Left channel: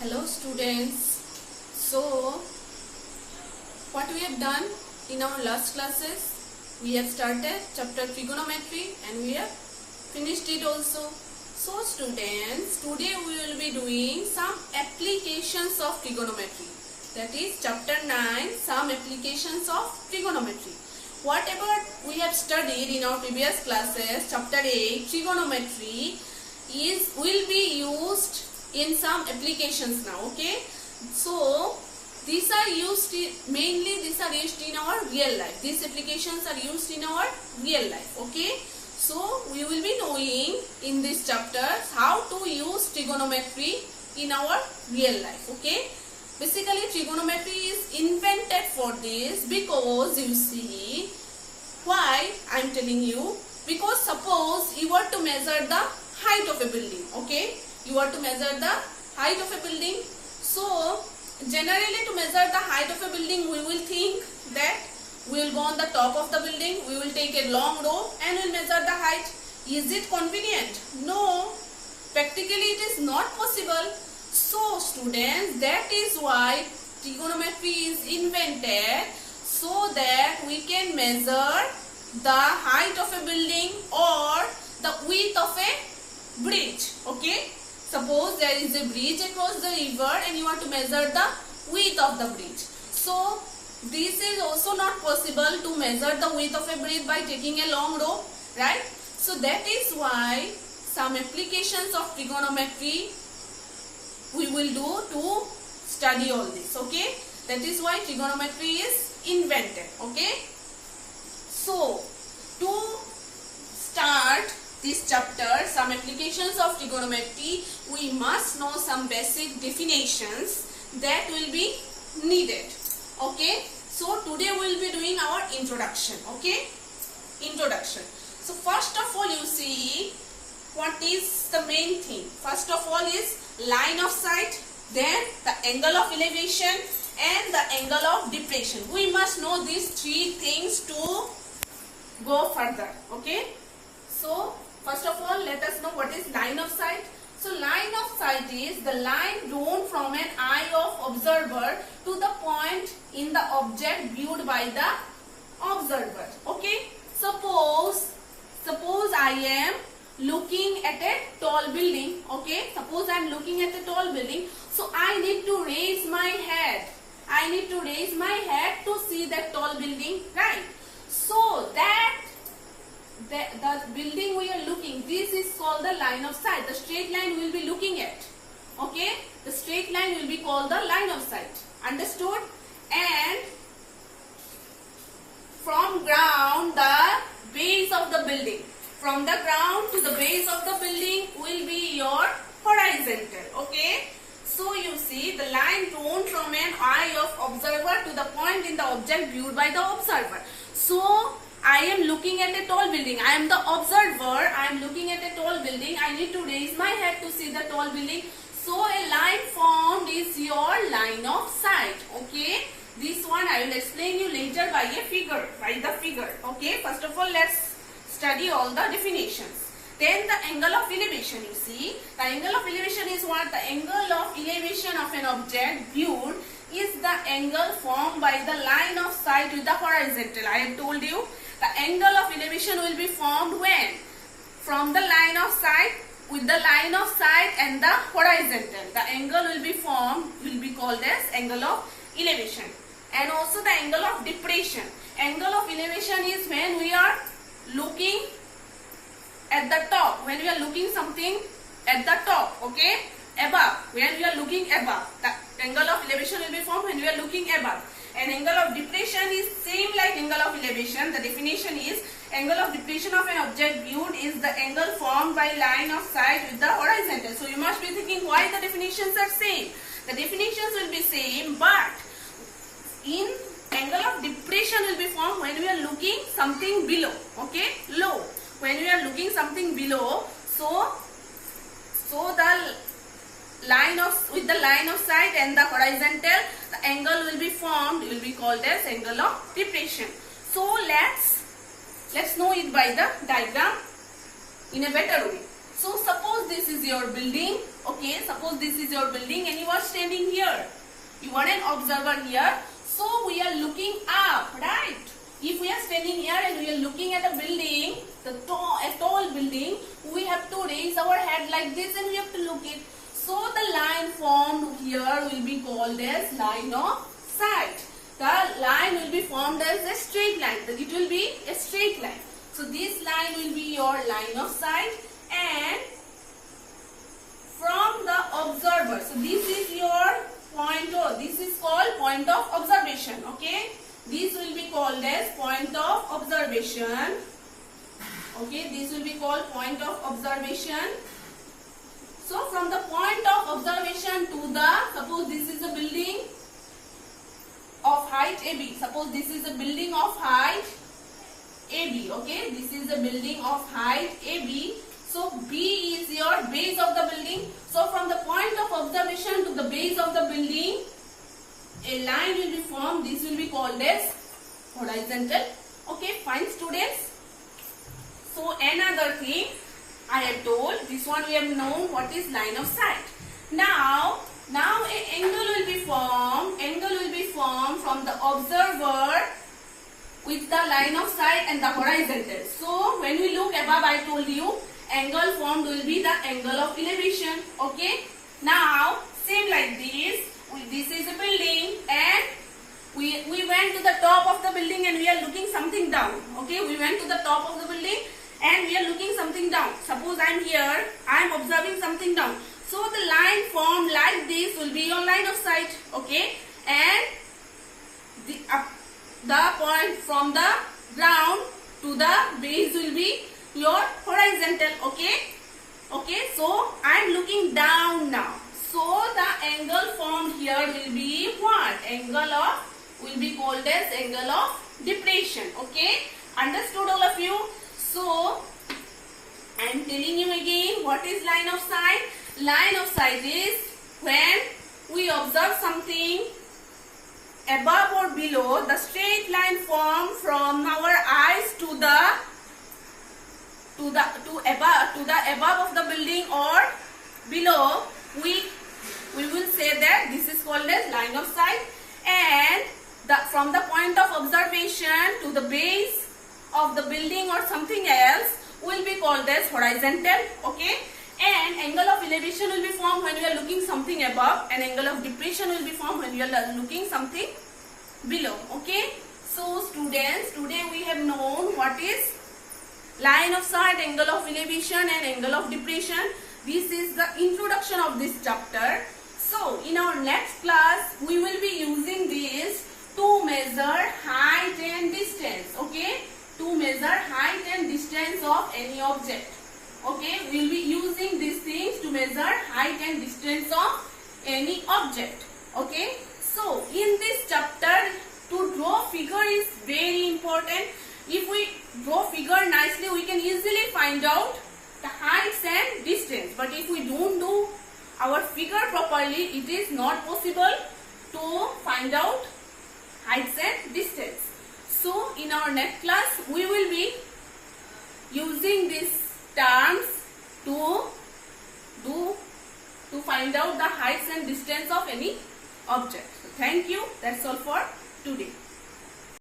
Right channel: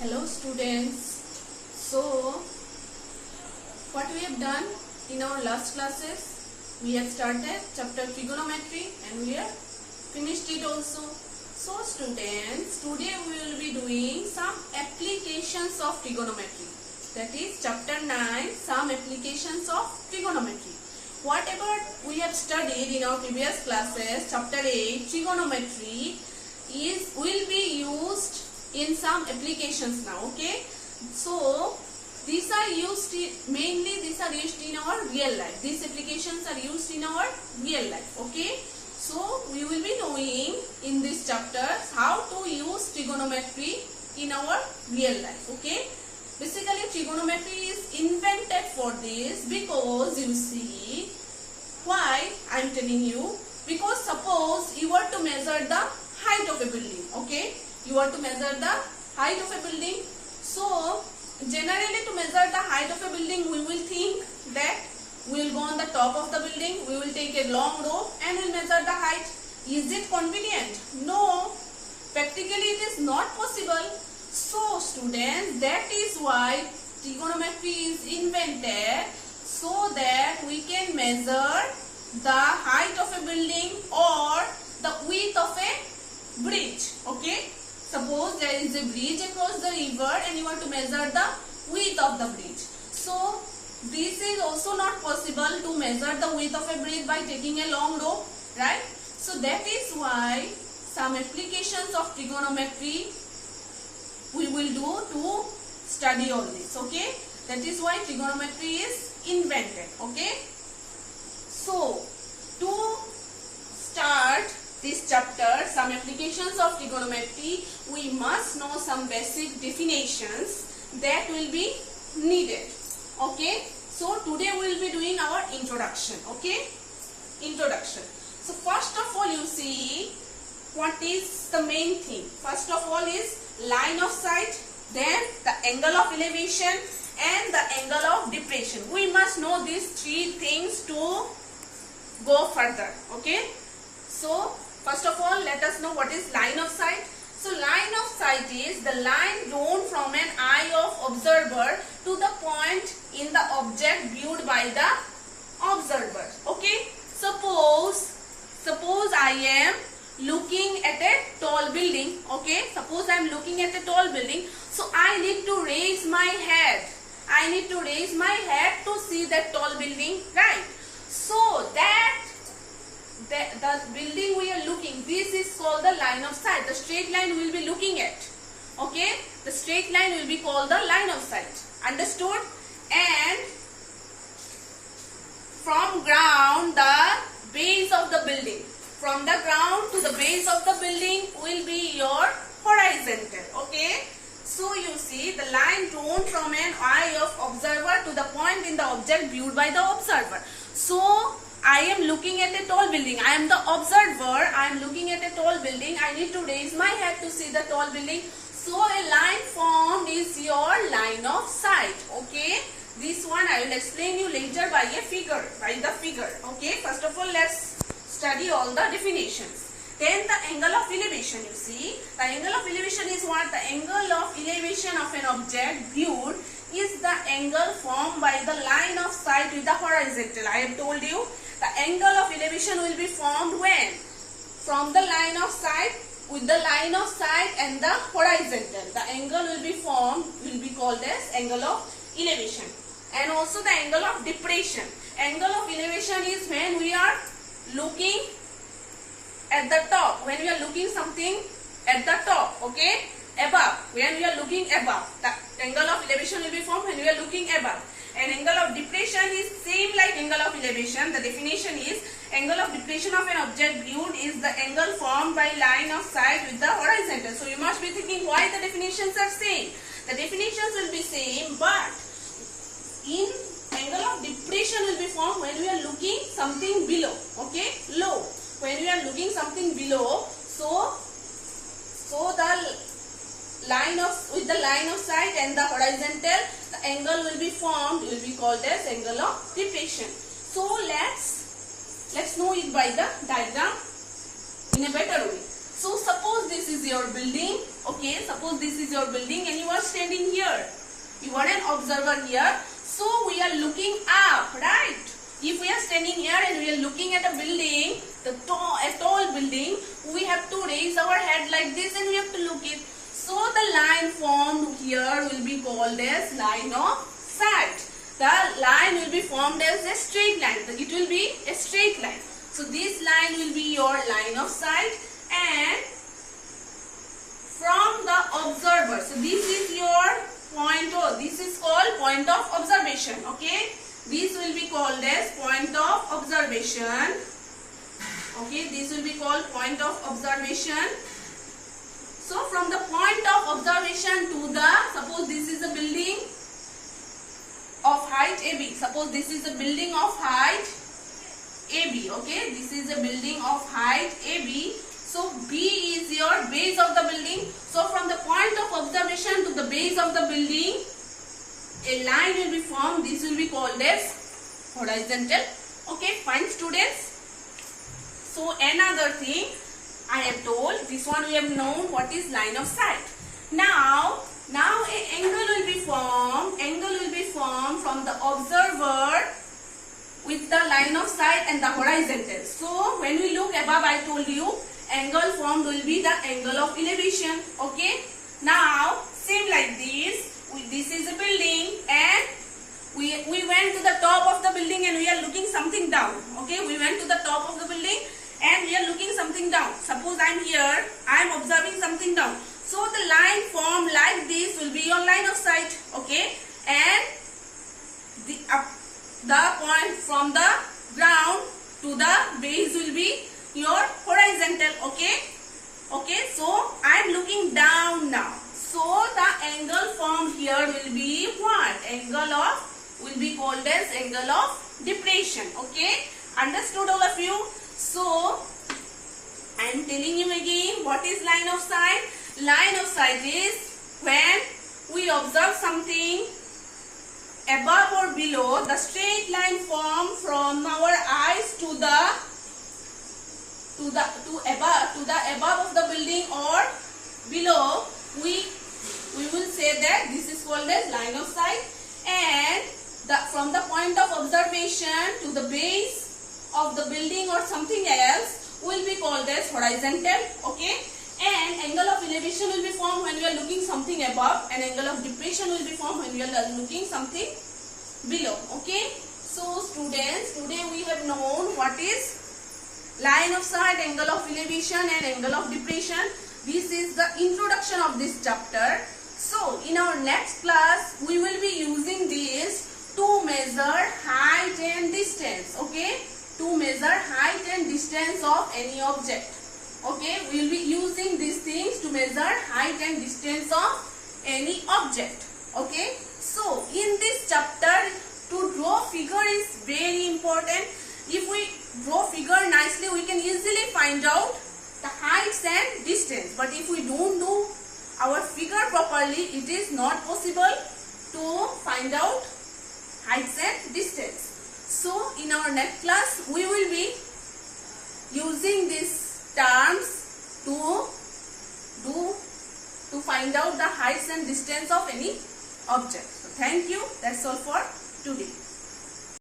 Hello students. So what we have done in our last classes, we have started chapter trigonometry and we have finished it also. So students, today we will be doing some applications of trigonometry. That is chapter 9, some applications of trigonometry. Whatever we have studied in our previous classes, chapter 8 trigonometry will be used in some applications now. Okay, so these are used in our real life. These applications are used in our real life. Okay, so we will be knowing in this chapter how to use trigonometry in our real life. Okay, basically trigonometry is invented for this because you see why I am telling you, because suppose you were to measure the height of a building. Okay, you are to measure the height of a building. So generally to measure the height of a building, we will think that we will go on the top of the building, we will take a long rope and we will measure the height. Is it convenient? No, practically it is not possible. So students, that is why trigonometry is invented, so that we can measure the height of a building or the width of a bridge. Okay, suppose there is a bridge across the river and you want to measure the width of the bridge. So this is also not possible to measure the width of a bridge by taking a long rope, right? So that is why some applications of trigonometry we will do to study all this. Okay, that is why trigonometry is invented. Okay, so to start this chapter, some applications of trigonometry, we must know some basic definitions that will be needed. Okay, so today we will be doing our introduction. Okay, introduction. So first of all, you see what is the main thing. First of all is line of sight, then the angle of elevation and the angle of depression. We must know these three things to go further. Okay, so first of all, let us know what is line of sight. So line of sight is the line drawn from an eye of observer to the point in the object viewed by the observer. Okay, suppose I am looking at a tall building. Okay, suppose I am looking at a tall building, so I need to raise my head. I need to raise my head to see that tall building, right? So that the building we are looking, this is called the line of sight. The straight line we will be looking at. Okay, the straight line will be called the line of sight. Understood? And from ground, the base of the building, from the ground to the base of the building will be your horizontal. Okay, so you see the line drawn from an eye of observer to the point in the object viewed by the observer. So I am looking at a tall building. I am the observer. I am looking at a tall building. I need to raise my head to see the tall building. So a line formed is your line of sight. Okay, this one I will explain you later by a figure, by the figure. Okay, first of all let's study all the definitions. Then the angle of elevation. You see, the angle of elevation is what? The angle of elevation of an object viewed is the angle formed by the line of sight with the horizontal. I have told you the angle of elevation will be formed when? From the line of sight, with the line of sight and the horizontal. The angle will be formed, will be called as angle of elevation. And also the angle of depression. Angle of elevation is when we are looking at the top, when we are looking something at the top. Okay, above, when we are looking above, the angle of elevation will be formed when we are looking above. And angle of depression is same like angle of elevation. The definition is angle of depression of an object viewed is the angle formed by line of sight with the horizontal. So you must be thinking why the definitions are same. The definitions will be same, but in angle of depression will be formed when we are looking something below. Okay, low. When we are looking something below, so the line of, with the line of sight and the horizontal, the angle will be formed, will be called as angle of depression. So let's know it by the diagram in a better way. So suppose this is your building Okay, suppose this is your building and you are standing here. You are an observer here. So we are looking up, right? If we are standing here and we are looking at a building, a tall building, we have to raise our head like this and we have to look it. So the line formed here will be called as line of sight. The line will be formed as a straight line. It will be a straight line. So this line will be your line of sight, and from the observer. So this is your point, or this is called point of observation. Okay, this will be called as point of observation. Okay, this will be called point of observation. So from the point of observation to the, suppose this is a building of height AB. Suppose this is a building of height AB. Okay, this is a building of height AB. So B is your base of the building. So from the point of observation to the base of the building, a line will be formed. This will be called as horizontal. Okay, fine students. So another thing I have told, this one we have known what is line of sight. Now a angle will be formed. Angle will be formed from the observer with the line of sight and the horizontal. So when we look above, I told you angle formed will be the angle of elevation. Okay. Now same like this. This is a building and we went to the top of the building and we are looking something down. Okay. We went to the top of the building and we are looking something down. Suppose I am here. I am observing something down. So the line formed like this will be your line of sight. Okay. And the point from the ground to the base will be your horizontal. Okay. Okay. So I am looking down now. So the angle formed here will be what? Angle of, will be called as angle of depression. Okay. Understood all of you? So I am telling you again, what is line of sight? Line of sight is when we observe something above or below, the straight line formed from our eyes to the above of the building or below, we will say that this is called as line of sight. And from the point of observation to the base of the building or something else will be called as horizontal. Okay. And angle of elevation will be formed when we are looking something above, and angle of depression will be formed when we are looking something below. Okay. So students, today we have known what is line of sight, angle of elevation and angle of depression. This is the introduction of this chapter. So in our next class we will be using this to measure height and distance. Okay. To measure height and distance of any object. Okay, we will be using these things to measure height and distance of any object. Okay, so in this chapter, to draw figure is very important. If we draw figure nicely, we can easily find out the heights and distance. But if we don't do our figure properly, it is not possible to find out heights and distance. So in our next class, we will be using these terms to find out the heights and distance of any object. So thank you. That's all for today.